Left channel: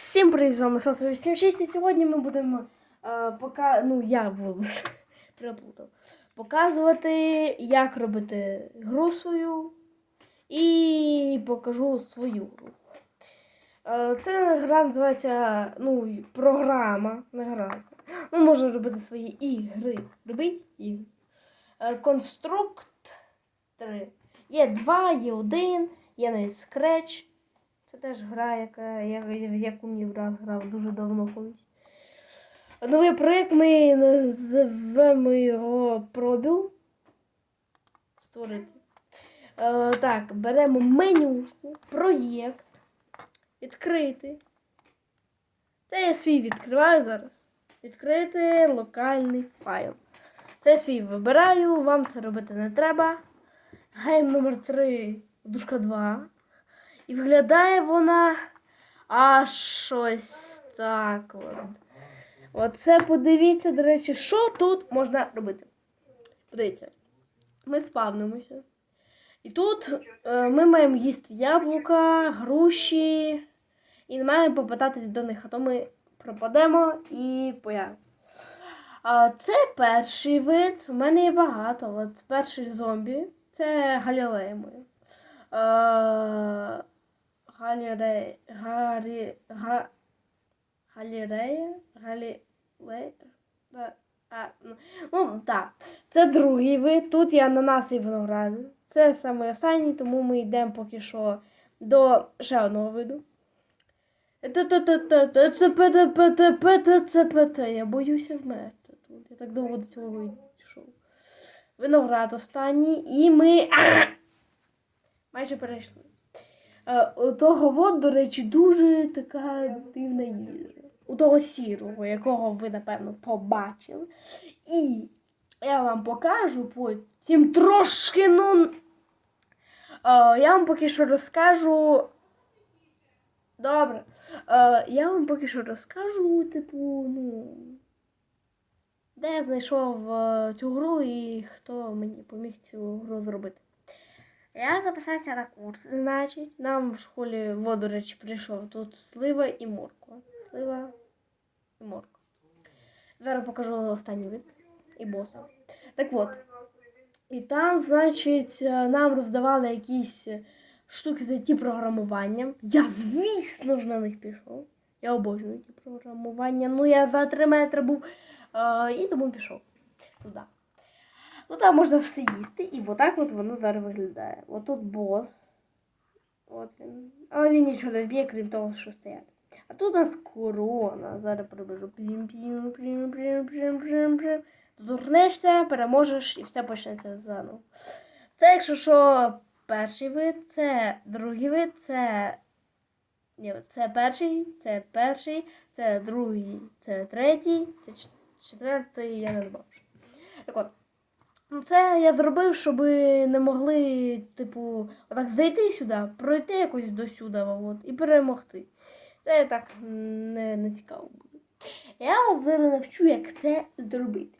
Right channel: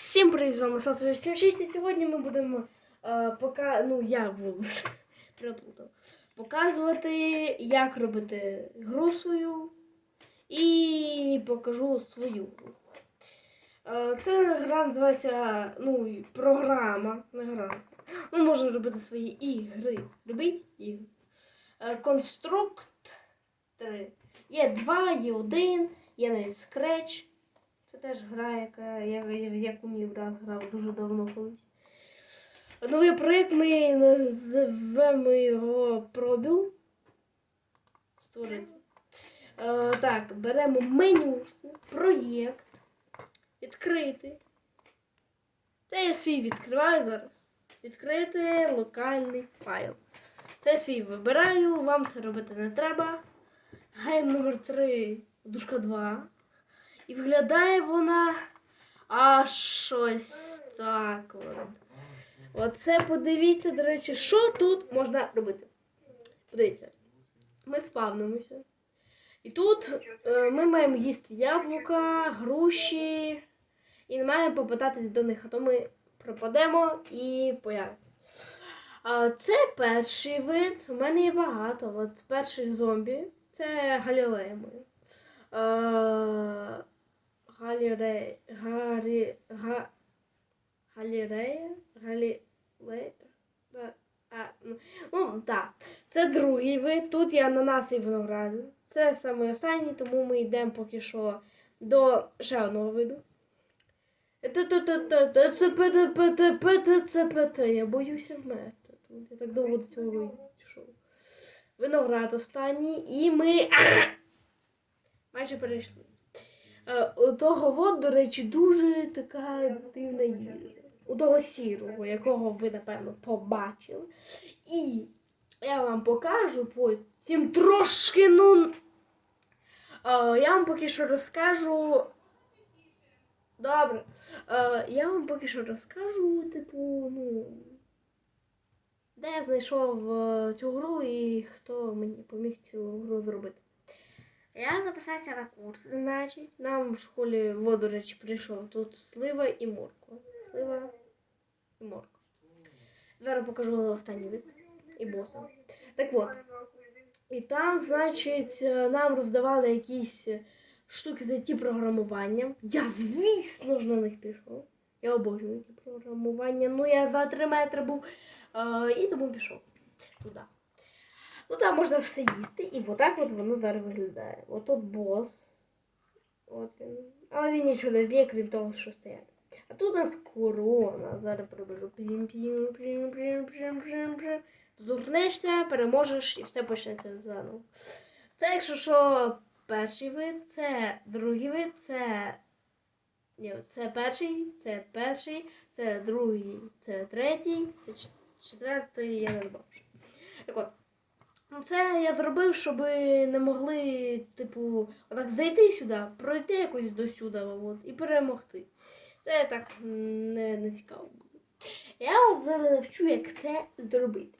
Всім привіт, з вами Сосо 86 і сьогодні ми будемо е, пока... ну, я буду переплутав. показувати, як робити гру свою і покажу свою гру. Е, це гра називається ну, програма, не гра. Ну, можна робити свої ігри. Робіть ігри. Е, Конструкт 3. Є 2, є 1, є навіть Scratch. Це теж гра, яка я, в яку мій брат грав дуже давно колись. Новий проєкт ми назвемо його пробіл. Створити. Е, так, беремо меню, проєкт, відкрити. Це я свій відкриваю зараз. Відкрити локальний файл. Це я свій вибираю, вам це робити не треба. Гейм номер 3, дужка 2. І виглядає вона аж щось так. От. Оце подивіться, до речі, що тут можна робити. Подивіться, ми спавнимося. І тут е, ми маємо їсти яблука, груші і не маємо попадатись до них, а то ми пропадемо і появимо. Це перший вид. У мене є багато. От перший зомбі це галілея моя. Галірея. Гарі. Га. Галірея. Галілея. А, ну, ну, так. Це другий вид. Тут є ананас і виноград. Це саме останній, тому ми йдемо поки що до ще одного виду. Я боюся вмерти. Я так довго до цього вийшов. Виноград останній. І ми майже перейшли. Е, У того вод, до речі, дуже така дивна їжа. У того сірого, якого ви, напевно, побачили. І я вам покажу потім трошки, ну. е, Я вам поки що розкажу. Добре. Е, Я вам поки що розкажу, типу, ну. Де я знайшов цю гру і хто мені поміг цю гру зробити. Я записався на курс, значить, нам в школі, во, речі, прийшов тут слива і морква. Слива і морква. Зараз покажу останній вид і боса. Так от. І там, значить, е, нам роздавали якісь штуки з it програмуванням. Я, звісно ж, на них пішов. Я обожнюю ті програмування. Ну, я за 3 метри був е, і тому пішов туди. Ну там можна все їсти, і отак от воно зараз виглядає. Отут бос. От він. Але він нічого не вб'є, крім того, що стоять. А тут у нас корона. Зараз пробіжу. Пім, пім, пім, пім, пім, пім, пім. Доторкнешся, переможеш і все почнеться заново. Це, якщо що, перший вид, це другий вид, це. Ні, це перший, це перший, це другий, це третій, це четвертий, я не бачу. Так от. Ну, це я зробив, щоб не могли, типу, отак зайти сюди, пройти якось до сюди от, і перемогти. Це так не, не цікаво буде. Я вас зараз навчу, як це зробити.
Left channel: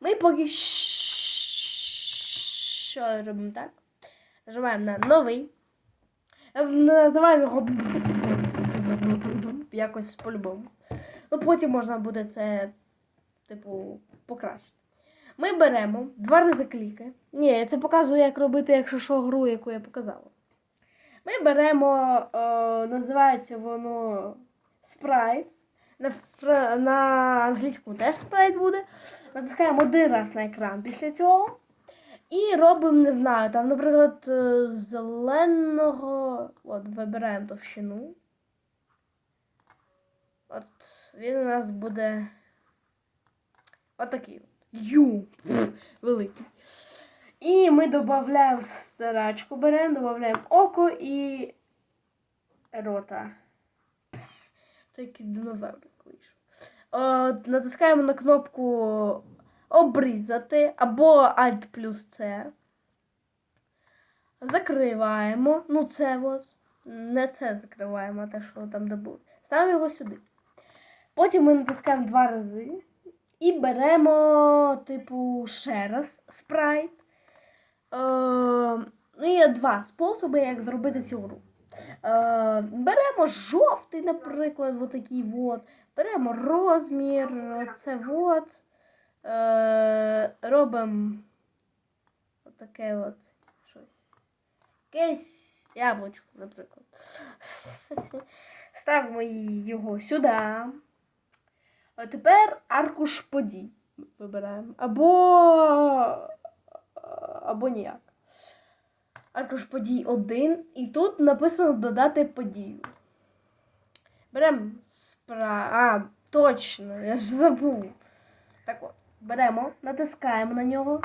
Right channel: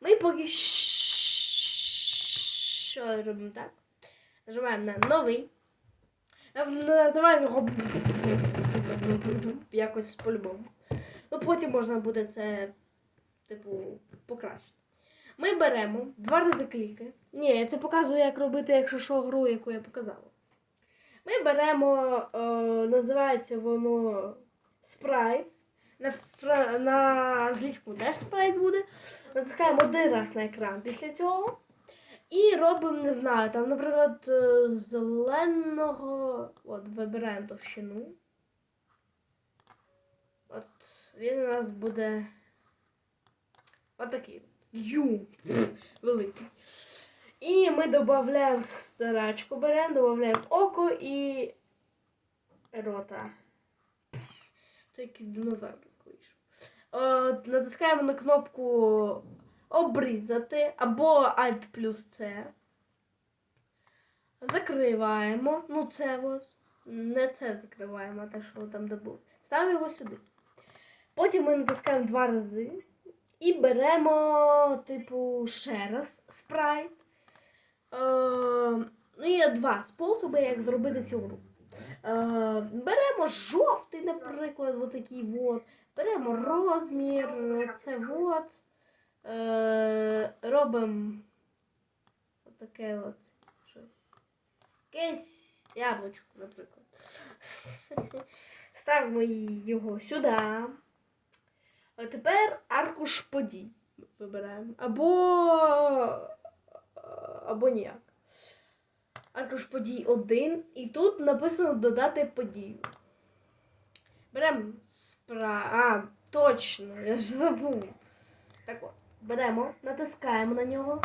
Ми поки що робимо так. Нажимаємо на новий. Е, Називаємо його якось по-любому. Ну, потім можна буде це, типу, покращити. Ми беремо два рази кліки. Ні, я це показую, як робити, якщо що, гру, яку я показала. Ми беремо, е, називається воно спрайт. На, фра- на англійському теж спрайт буде. Натискаємо один раз на екран після цього. І робимо, не знаю, там, наприклад, е, зеленого. От, вибираємо товщину. От він у нас буде отакий. Ю. Великий. І ми додаємо старачку, беремо, додаємо око і рота. Це якийсь динозавр вийшов. Натискаємо на кнопку обрізати або Alt плюс C. Закриваємо. Ну, це от. Не це закриваємо, а те, що там де. Ставимо його сюди. Потім ми натискаємо два рази. І беремо, типу, ще раз спрайт. Ну, є два способи, як зробити цю гру. Беремо жовтий, наприклад, отакий от. Беремо розмір, це от. Робимо отаке от щось. Якесь яблучко, наприклад. Ставимо його сюди. А тепер аркуш подій вибираємо. Або. Або ніяк. Аркуш подій 1. І тут написано додати подію. Беремо спра. А, точно, я ж забув. Так от, беремо, натискаємо на нього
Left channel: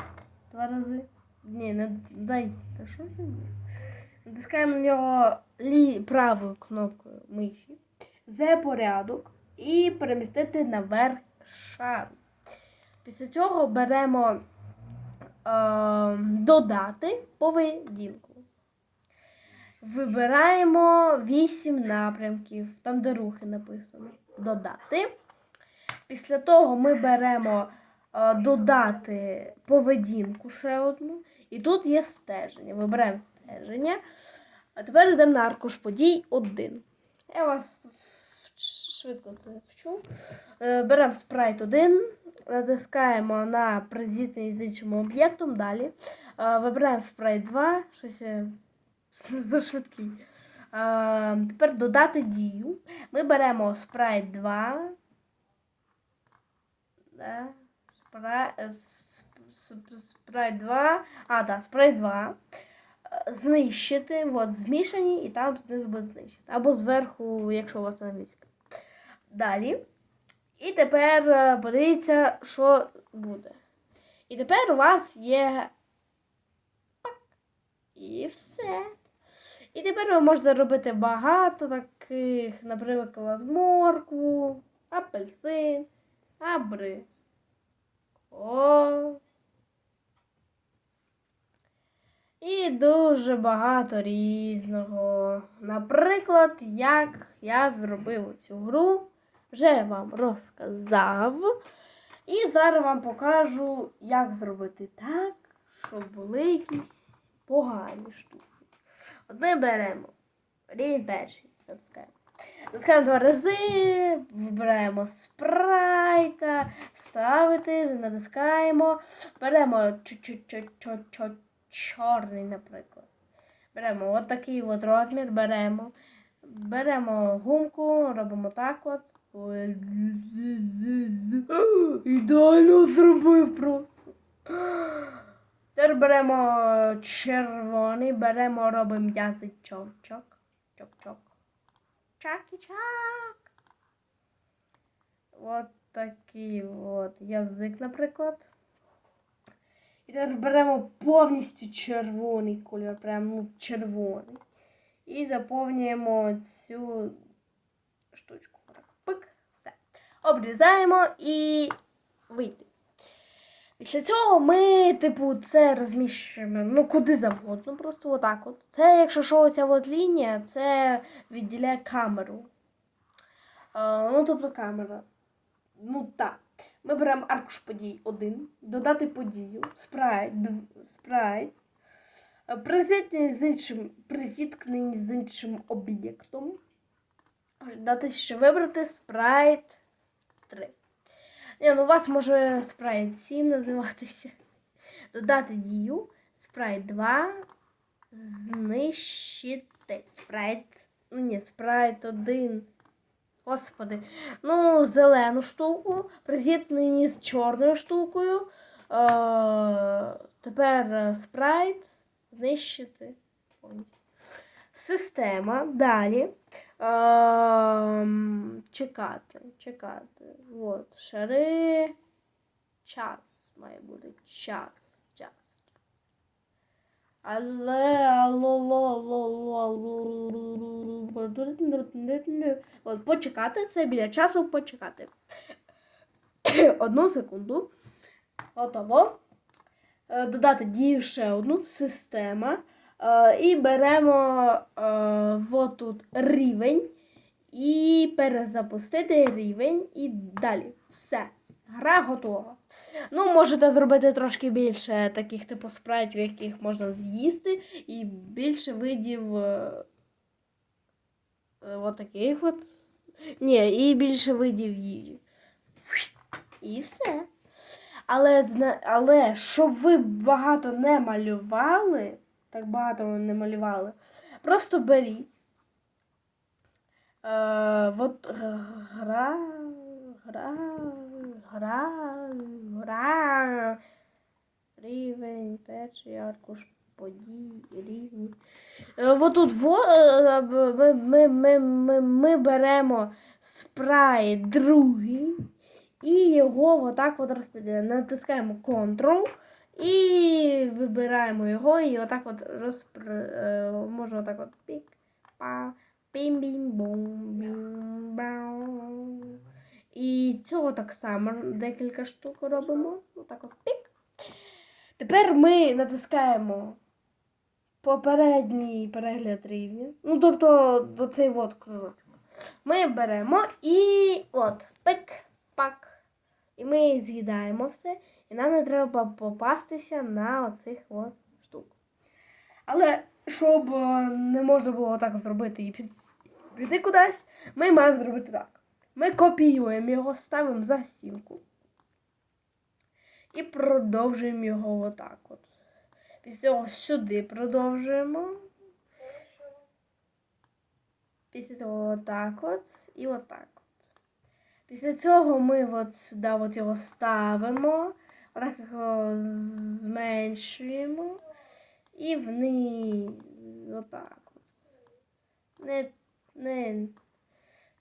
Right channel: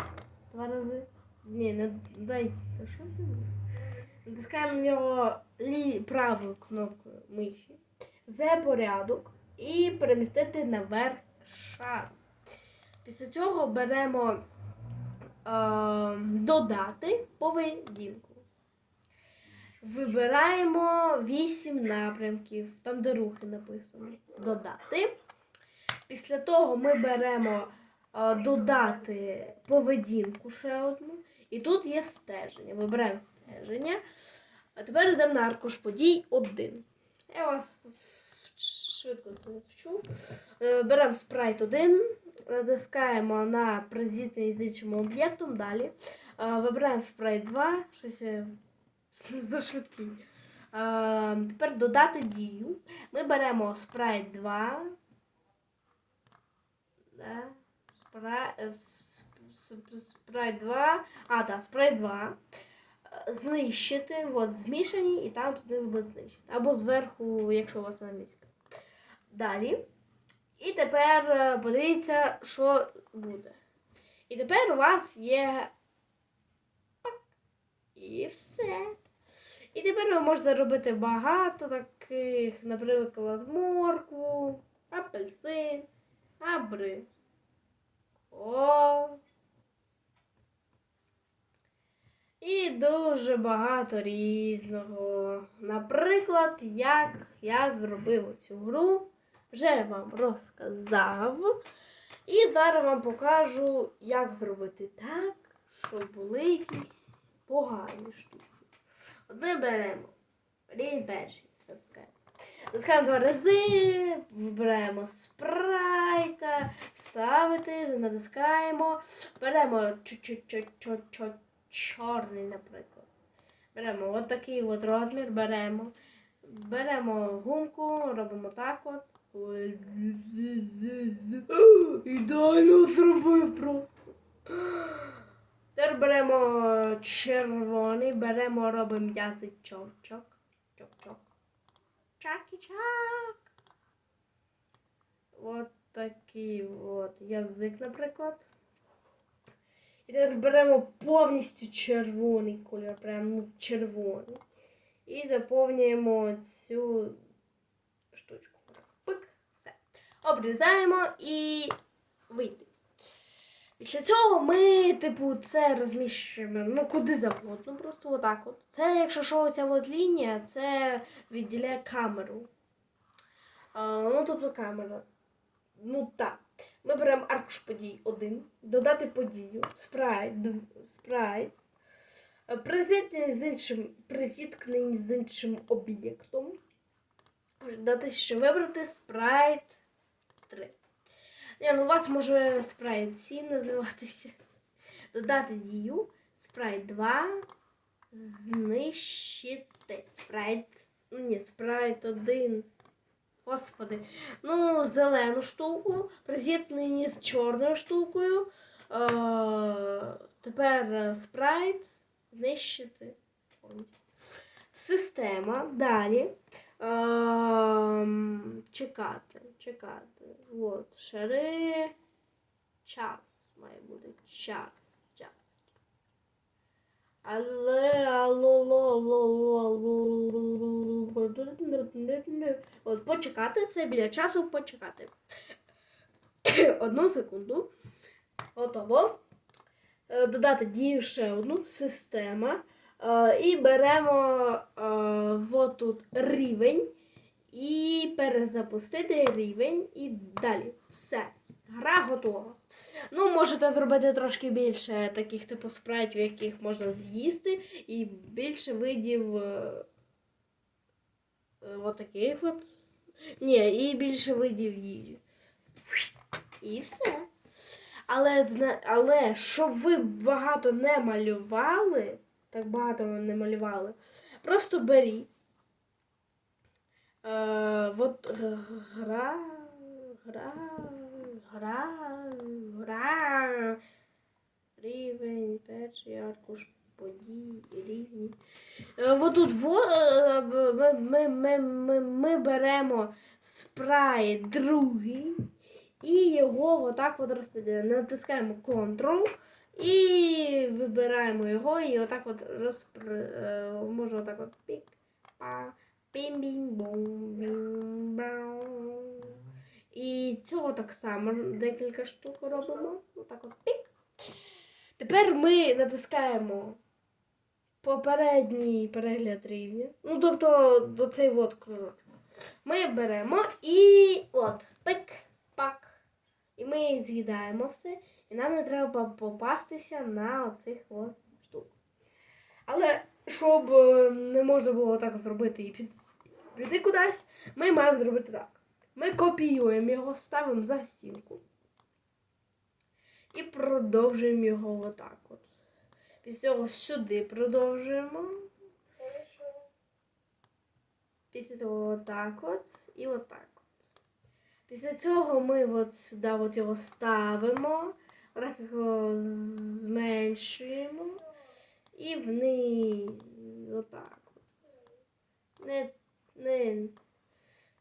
два рази. Ні, не дай. Та що це? Натискаємо на нього лі... правою кнопкою миші. За порядок і перемістити наверх шар. Після цього беремо е, додати поведінку. Вибираємо 8 напрямків, там де рухи написано. Додати. Після того ми беремо е, додати поведінку ще одну. І тут є стеження. Вибираємо стеження. А тепер йдемо на аркуш подій 1. Я вас швидко це вчу. Е, Беремо спрайт 1, натискаємо на презітний з іншим об'єктом. Далі. Е, Вибираємо спрайт 2, щось. Е, Тепер додати дію. Ми беремо спрайт 2. Спрайт, спрайт 2. А, так, спрайт 2 знищити, от, змішані, і там буде знищити. Або зверху, якщо у вас англійська. Далі. І тепер е, подивіться, що буде. І тепер у вас є. І все. І тепер ви можете робити багато таких, наприклад, моркву, апельсин, абри. О. І дуже багато різного. Наприклад, як я зробив цю гру, вже вам розказав. І зараз вам покажу, як зробити так, щоб були якісь погані штуки. От ми беремо рівень перший. два рази, вибираємо спрайта, ставити, натискаємо, беремо чорний, наприклад. Беремо от от розмір, беремо. Беремо гумку, робимо так от. Ідеально зробив просто. Тепер беремо червоний, беремо, робимо язичок. Чок-чок. Чакі-чак. От такий от язик, наприклад. І тепер беремо повністю червоний кольор, прям ну, червоний. І заповнюємо цю штучку. Пик, все. Обрізаємо і вийде. Після цього ми, типу, це розміщуємо ну, куди завгодно, просто отак от. Це, якщо що, оця от лінія, це відділяє камеру. А, ну, тобто камера. Ну так. Ми беремо аркуш подій 1, додати подію, спрайт, спрайт, е, призіткнення з іншим, призіткнення з іншим об'єктом. Дати ще вибрати спрайт 3. Ні, ну у вас може спрайт 7 називатися. Додати дію, спрайт 2, знищити. Спрайт. ну, Ні, спрайт 1. Господи. Ну, зелену штуку, призітнені з чорною штукою. Е, тепер е, спрайт знищити. Система. Далі. Ем, чекати. Чекати. От. Шари. Час. Має бути час. Час. Але От почекати це біля часу почекати. Одну секунду. Готово. Е, Додати дію ще одну система. Е, І беремо е, от тут рівень. І перезапустити рівень. І далі. Все. Гра готова. Ну, можете зробити трошки більше таких типу спрайтів, яких можна з'їсти, і більше видів е, е, от таких от. Ні, і більше видів їжі. І все. Але, але щоб ви багато не малювали, так багато не малювали, просто беріть. Е, от гра, гра, гра, гра, рівень, перший аркуш подій, рівні. Е, отут е, ми, ми, ми, ми, беремо спрайт другий і його отак от розподіляємо. Натискаємо Ctrl і вибираємо його, і отак от розпр... можна отак от пік, па, пім бім бум бім бау. І цього так само декілька штук робимо. Отак от пік. Тепер ми натискаємо попередній перегляд рівня. Ну, тобто до цей от кружочок. Ми беремо і от, пик, пак. І ми з'їдаємо все. І нам не треба попастися на оцих от штук. Але щоб е, не можна було так зробити і під, піти кудись, ми маємо зробити так. Ми копіюємо його, ставимо за стінку. І продовжуємо його отак от. Після цього сюди продовжуємо. Після цього отак от і отак от. Після цього ми от сюди от його ставимо, отак його зменшуємо і вниз отак от. Не, не.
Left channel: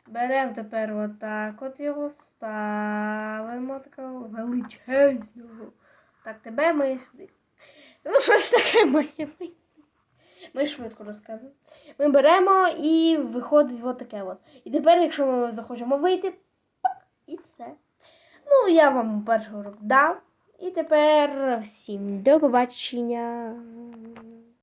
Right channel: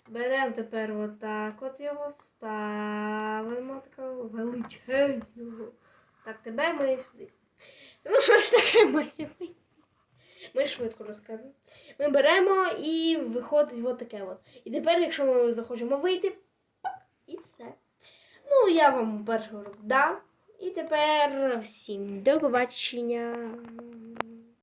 Беремо тепер отак от його, ставимо такого величезного. Так, тебе ми сюди. Ну, щось таке ми. Ми, швидко розказуємо. Ми беремо і виходить от таке от. І тепер, якщо ми захочемо вийти, і все. Ну, я вам перший урок дав. І тепер всім до побачення.